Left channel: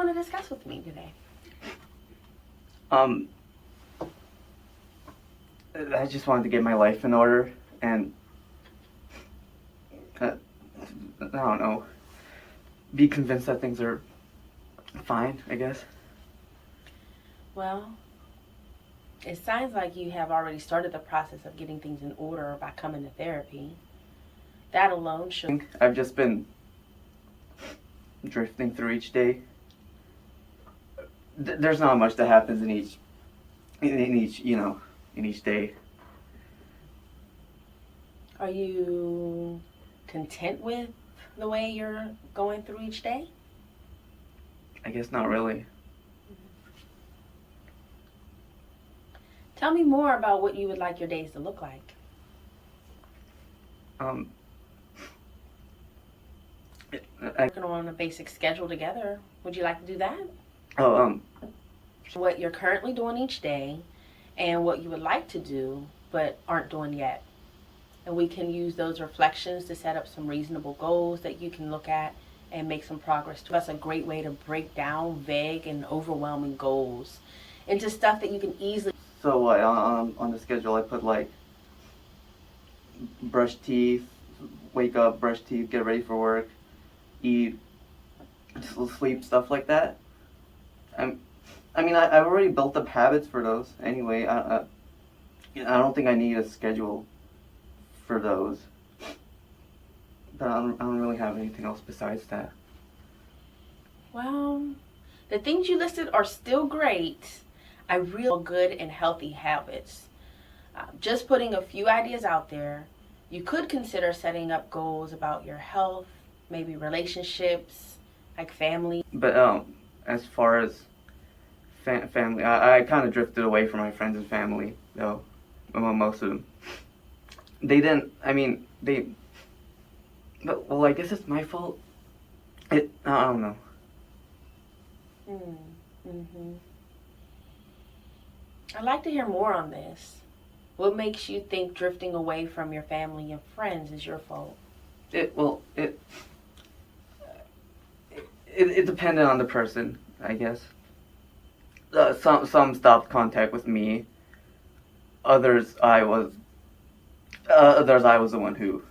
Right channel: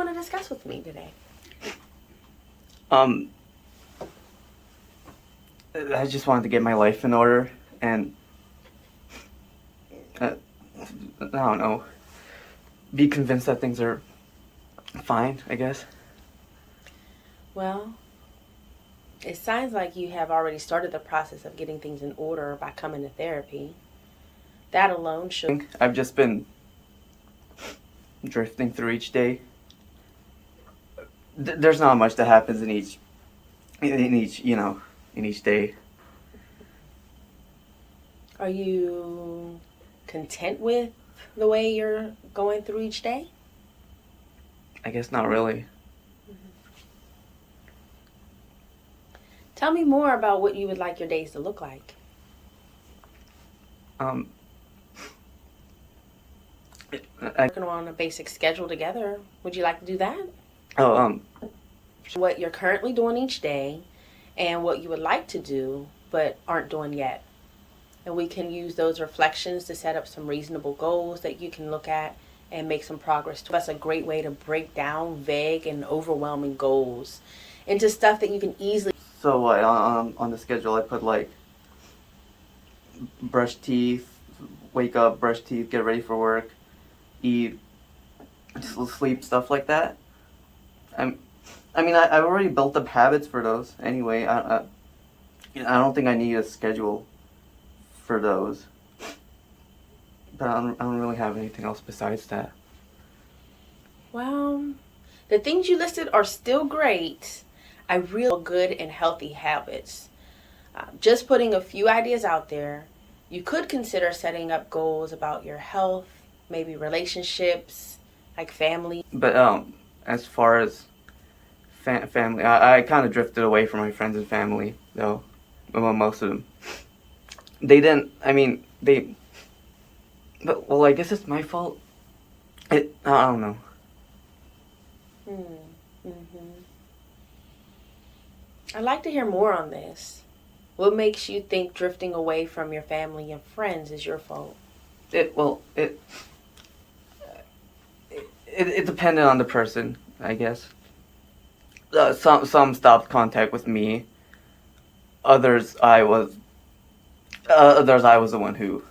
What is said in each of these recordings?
want to discuss with me today? Um, I just wanted to get my life in order and I don't know, be convinced that things are fine, I guess. Well, it sounds like you have already started the process of getting things in order by coming to therapy. That alone should... I've just been drifting through each day. There's not much that happens in each day. Are you content with the way you're going through each day? I guess not really. Tell me more about what you would like your days to look like. Working on a basic schedule together. Would you like to do that? What you're currently doing each day and what you would like to do but aren't doing yet. And we can use those reflections to set up some reasonable goals that you can look at and make some progress. That's a great way to break down vague and overwhelming goals into stuff that you can easily... So on the schedule I put like brush teeth, wake up, brush teeth, get ready for work, eat, sleep, stuff like that. I've already built up habits for those anyway. I don't think I need a schedule for those. But I don't really have anything else besides that. Well, the things you listed are still great. I really good and healthy habits. Just putting a few ideas out there. You could consider setting up goals about your health, maybe relationships, like family. But as far as family, I kind of drifted away from my friends and family, though. Well, most of them. They didn't. But well, I guess it's my fault. I don't know. Mm-hmm. I'd like to hear more on this. What makes you think drifting away from your family and friends is your fault? It depended on the person, I guess. Some stopped contact with me. Others, I was the one who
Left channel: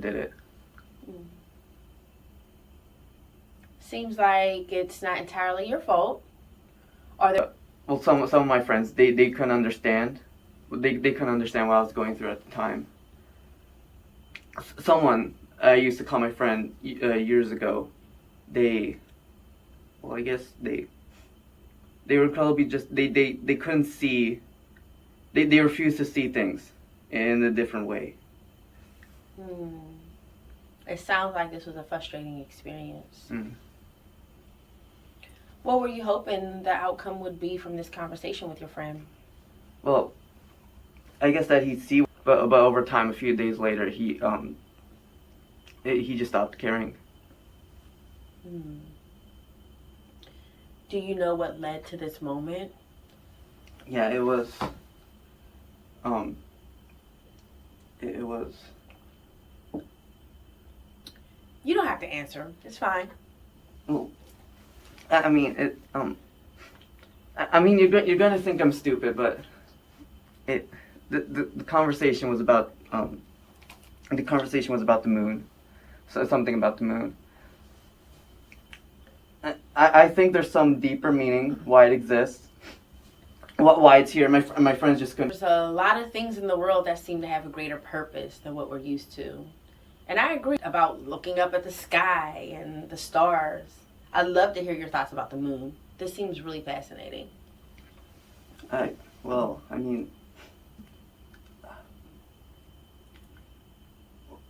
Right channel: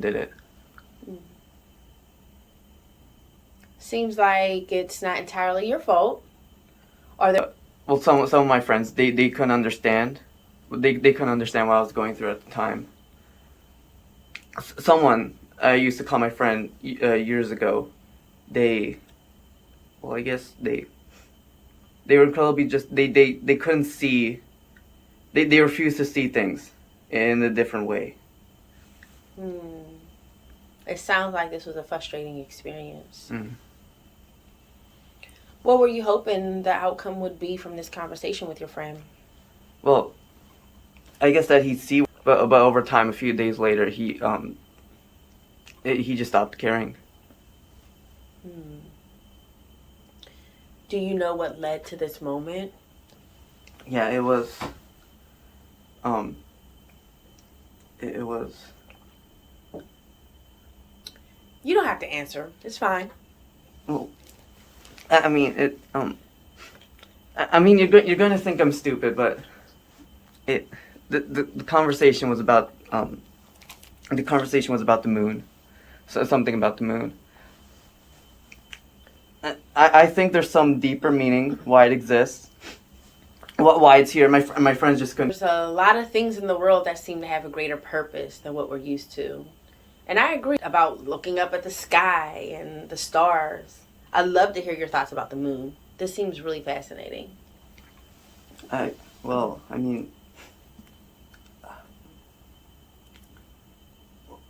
did it. Seems like it's not entirely your fault. Are there... Well, some of my friends, they couldn't understand. They couldn't understand what I was going through at the time. Someone I used to call my friend years ago, I guess they were probably just they couldn't see. They refused to see things in a different way. It sounds like this was a frustrating experience. Mm. What were you hoping the outcome would be from this conversation with your friend? Well, I guess that he'd see, but over time, a few days later, he just stopped caring. Do you know what led to this moment? Yeah, it was. It was. You don't have to answer. It's fine. Well, you're going to think I'm stupid, but the conversation was about the moon, so something about the moon. I think there's some deeper meaning why it exists, why it's here. My friends just couldn't. There's a lot of things in the world that seem to have a greater purpose than what we're used to, and I agree about looking up at the sky and the stars. I'd love to hear your thoughts about the moon. This seems really fascinating.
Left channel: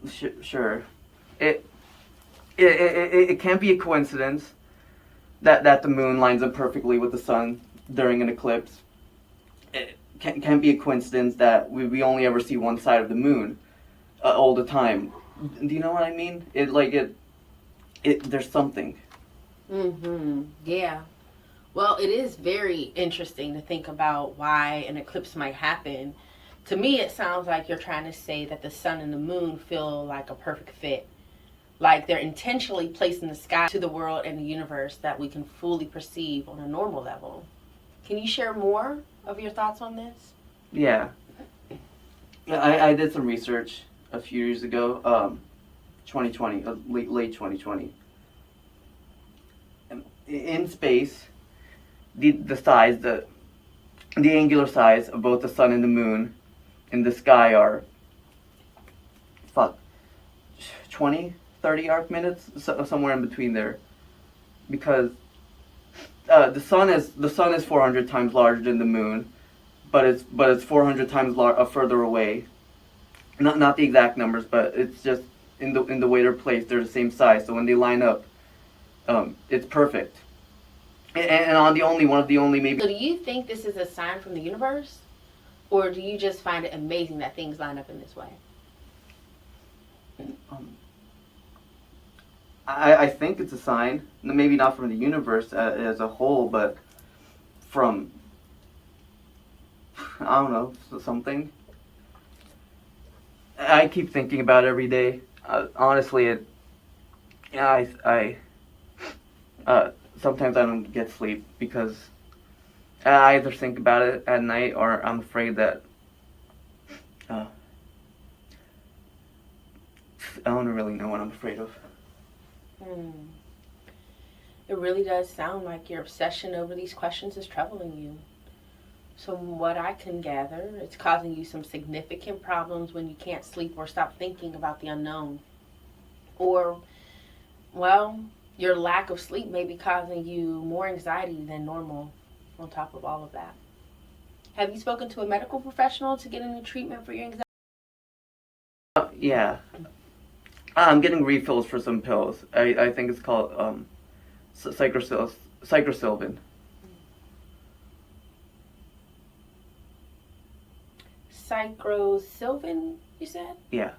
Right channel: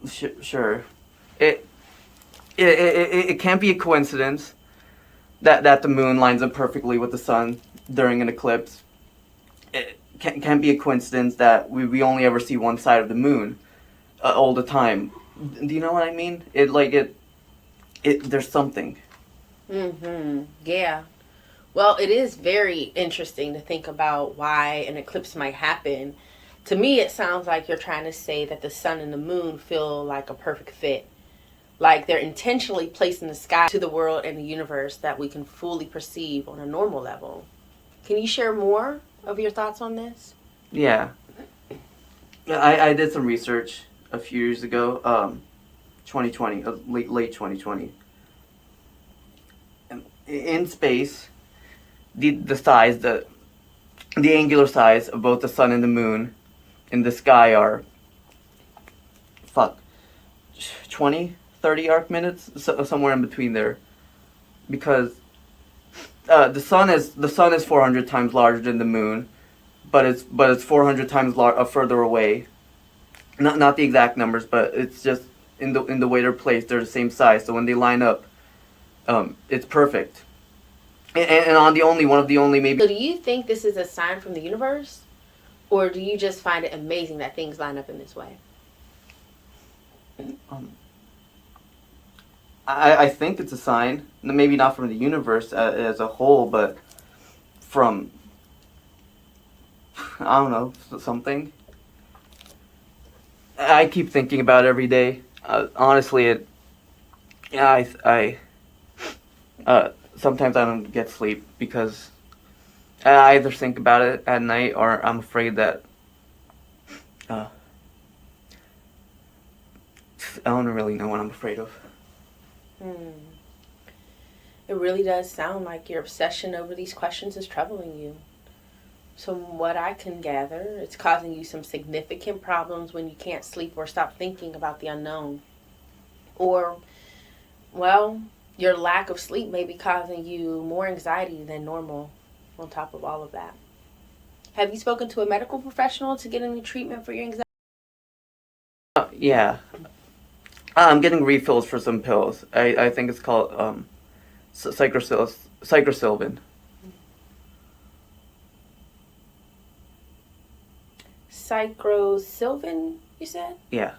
Sure. It can't be a coincidence that the moon lines up perfectly with the sun during an eclipse. It can't be a coincidence that we only ever see one side of the moon all the time. Do you know what I mean? There's something. Yeah. Well, it is very interesting to think about why an eclipse might happen. To me, it sounds like you're trying to say that the sun and the moon feel like a perfect fit. like they're intentionally placed in the sky to the world and the universe that we can fully perceive on a normal level. Can you share more of your thoughts on this? Yeah. I did some research a few years ago, 2020, late 2020. In space, the size, the angular size of both the sun and the moon in the sky are, 20, 30 arc minutes, somewhere in between there, because the sun is 400 times larger than the moon, but it's 400 times further away. Not the exact numbers, but it's just in the way they're placed, they're the same size. So when they line up, it's perfect. And on one of the only maybe. So do you think this is a sign from the universe, or do you just find it amazing that things line up in this way? I think it's a sign, maybe not from the universe as a whole, but from, I don't know, something. I keep thinking about it every day. Honestly, sometimes I don't get sleep because I either think about it at night or I'm afraid that I don't really know what I'm afraid of. It really does sound like your obsession over these questions is troubling you. So from what I can gather, it's causing you some significant problems when you can't sleep or stop thinking about the unknown. Or, well, your lack of sleep may be causing you more anxiety than normal on top of all of that. Have you spoken to a medical professional to get any treatment for your anxiety? Yeah. I'm getting refills for some pills. I think it's called psychrosilvan. Psychrosilvan, you said? Yeah.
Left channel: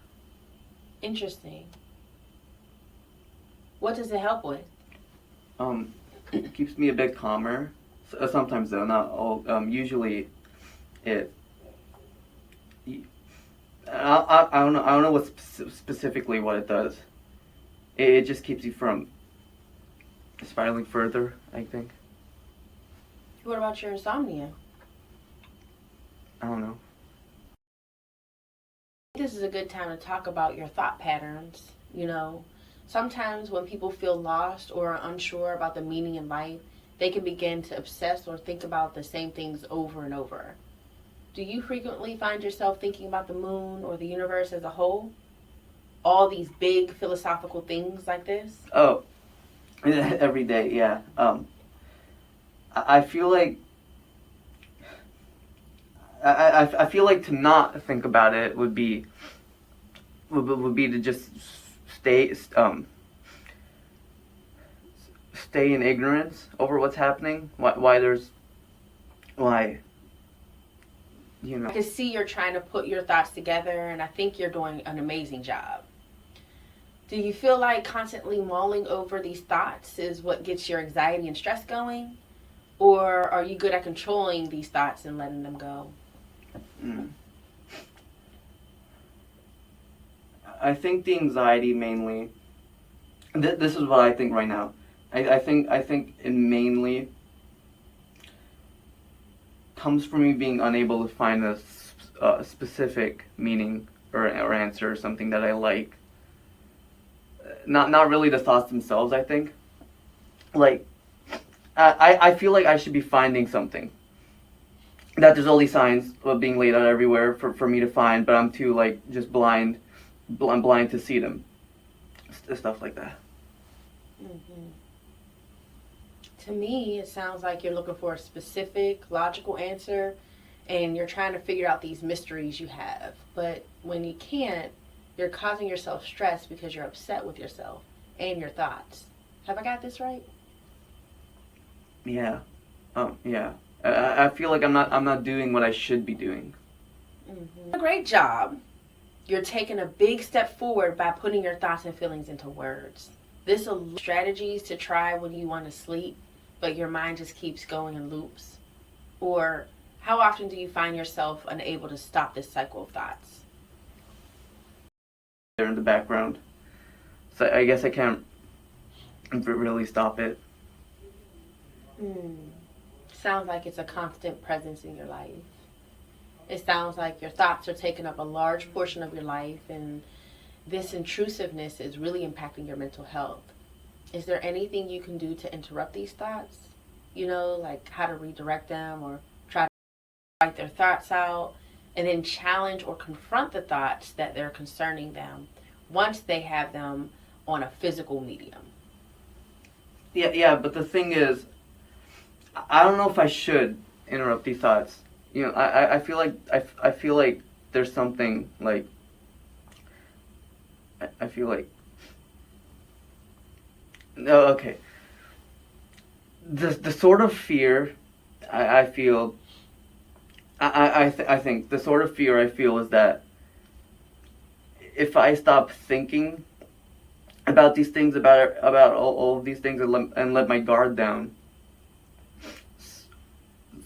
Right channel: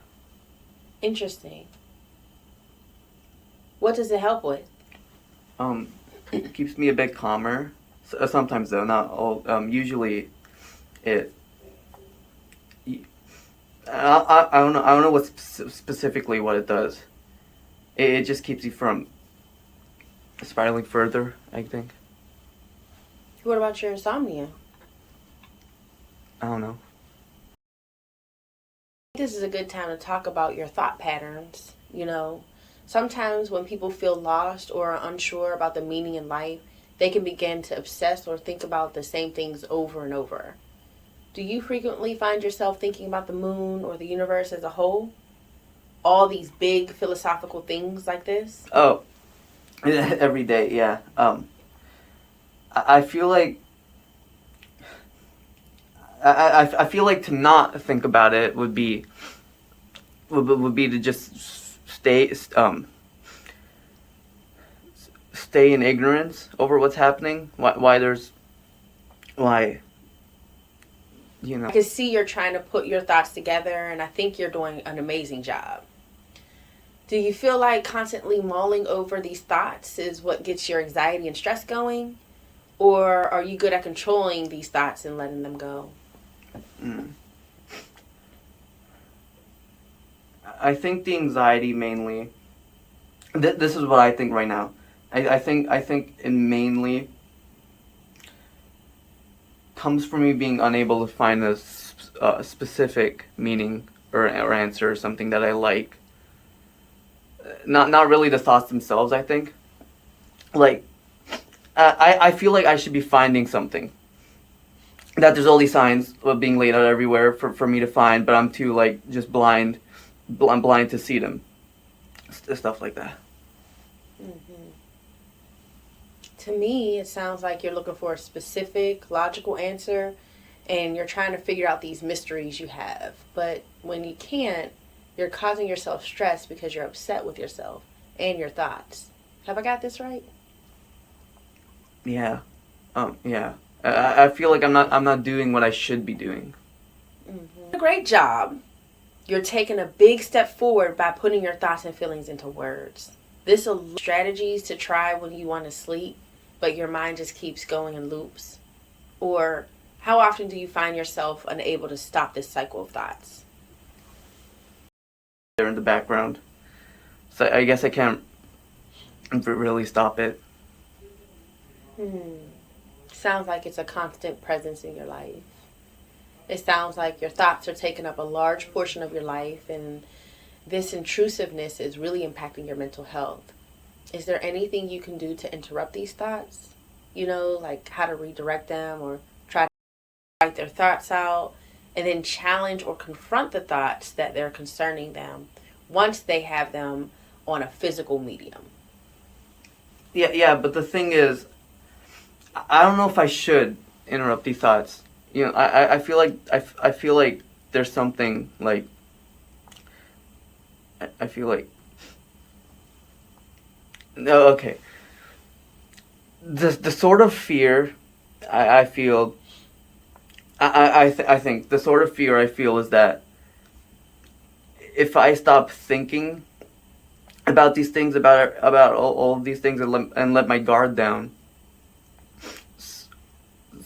Interesting. What does it help with? It keeps me a bit calmer. Sometimes though, not all. Usually, it. I don't know. I don't know what specifically what it does. It just keeps you from spiraling further, I think. What about your insomnia? I don't know. This is a good time to talk about your thought patterns. Sometimes when people feel lost or are unsure about the meaning in life, they can begin to obsess or think about the same things over and over. Do you frequently find yourself thinking about the moon or the universe as a whole? All these big philosophical things like this? Oh, every day, yeah. I feel like I feel like to not think about it would be to just stay in ignorance over what's happening. Why I can see you're trying to put your thoughts together, and I think you're doing an amazing job. Do you feel like constantly mulling over these thoughts is what gets your anxiety and stress going? Or are you good at controlling these thoughts and letting them go? I think the anxiety mainly. This is what I think right now. I think it mainly comes from me being unable to find a specific meaning or answer or something that I like. Not really the thoughts themselves. I think, like, I feel like I should be finding something. That there's all these signs of being laid out everywhere for me to find, but I'm too just blind. I'm blind to see them. Stuff like that. Mm-hmm. To me, it sounds like you're looking for a specific, logical answer, and you're trying to figure out these mysteries you have. But when you can't, you're causing yourself stress because you're upset with yourself and your thoughts. Have I got this right? Yeah. Yeah. I feel like I'm not doing what I should be doing. Mm-hmm. A great job. You're taking a big step forward by putting your thoughts and feelings into words. This will strategies to try when you want to sleep, but your mind just keeps going in loops. Or how often do you find yourself unable to stop this cycle of thoughts? They're in the background. So I guess I can't really stop it. Sounds like it's a constant presence in your life. It sounds like your thoughts are taking up a large portion of your life, and this intrusiveness is really impacting your mental health. Is there anything you can do to interrupt these thoughts? You know, like how to redirect them or try to write their thoughts out and then challenge or confront the thoughts that they're concerning them once they have them on a physical medium? Yeah, but the thing is, I don't know if I should interrupt these thoughts. You know, I feel like I feel like there's something like I feel like no, okay. The sort of fear I feel I think the sort of fear I feel is that if I stop thinking about these things, about all of these things, and let my guard down,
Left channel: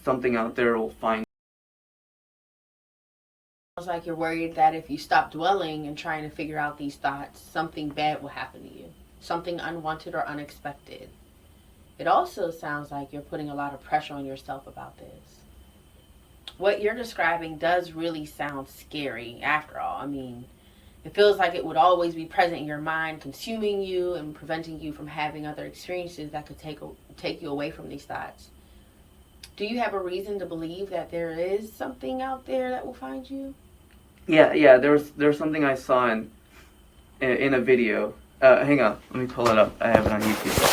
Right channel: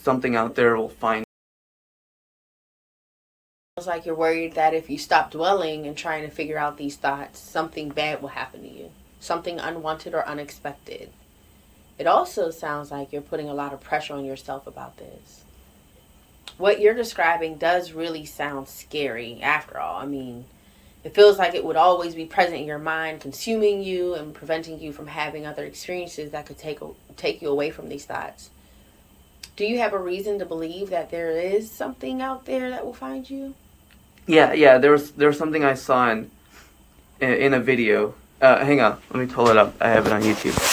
something out there will find. Sounds like you're worried that if you stop dwelling and trying to figure out these thoughts, something bad will happen to you, something unwanted or unexpected. It also sounds like you're putting a lot of pressure on yourself about this. What you're describing does really sound scary after all. I mean, it feels like it would always be present in your mind, consuming you and preventing you from having other experiences that could take you away from these thoughts. Do you have a reason to believe that there is something out there that will find you? Yeah. There was something I saw in a video. Hang on, let me pull it up. I have it on YouTube.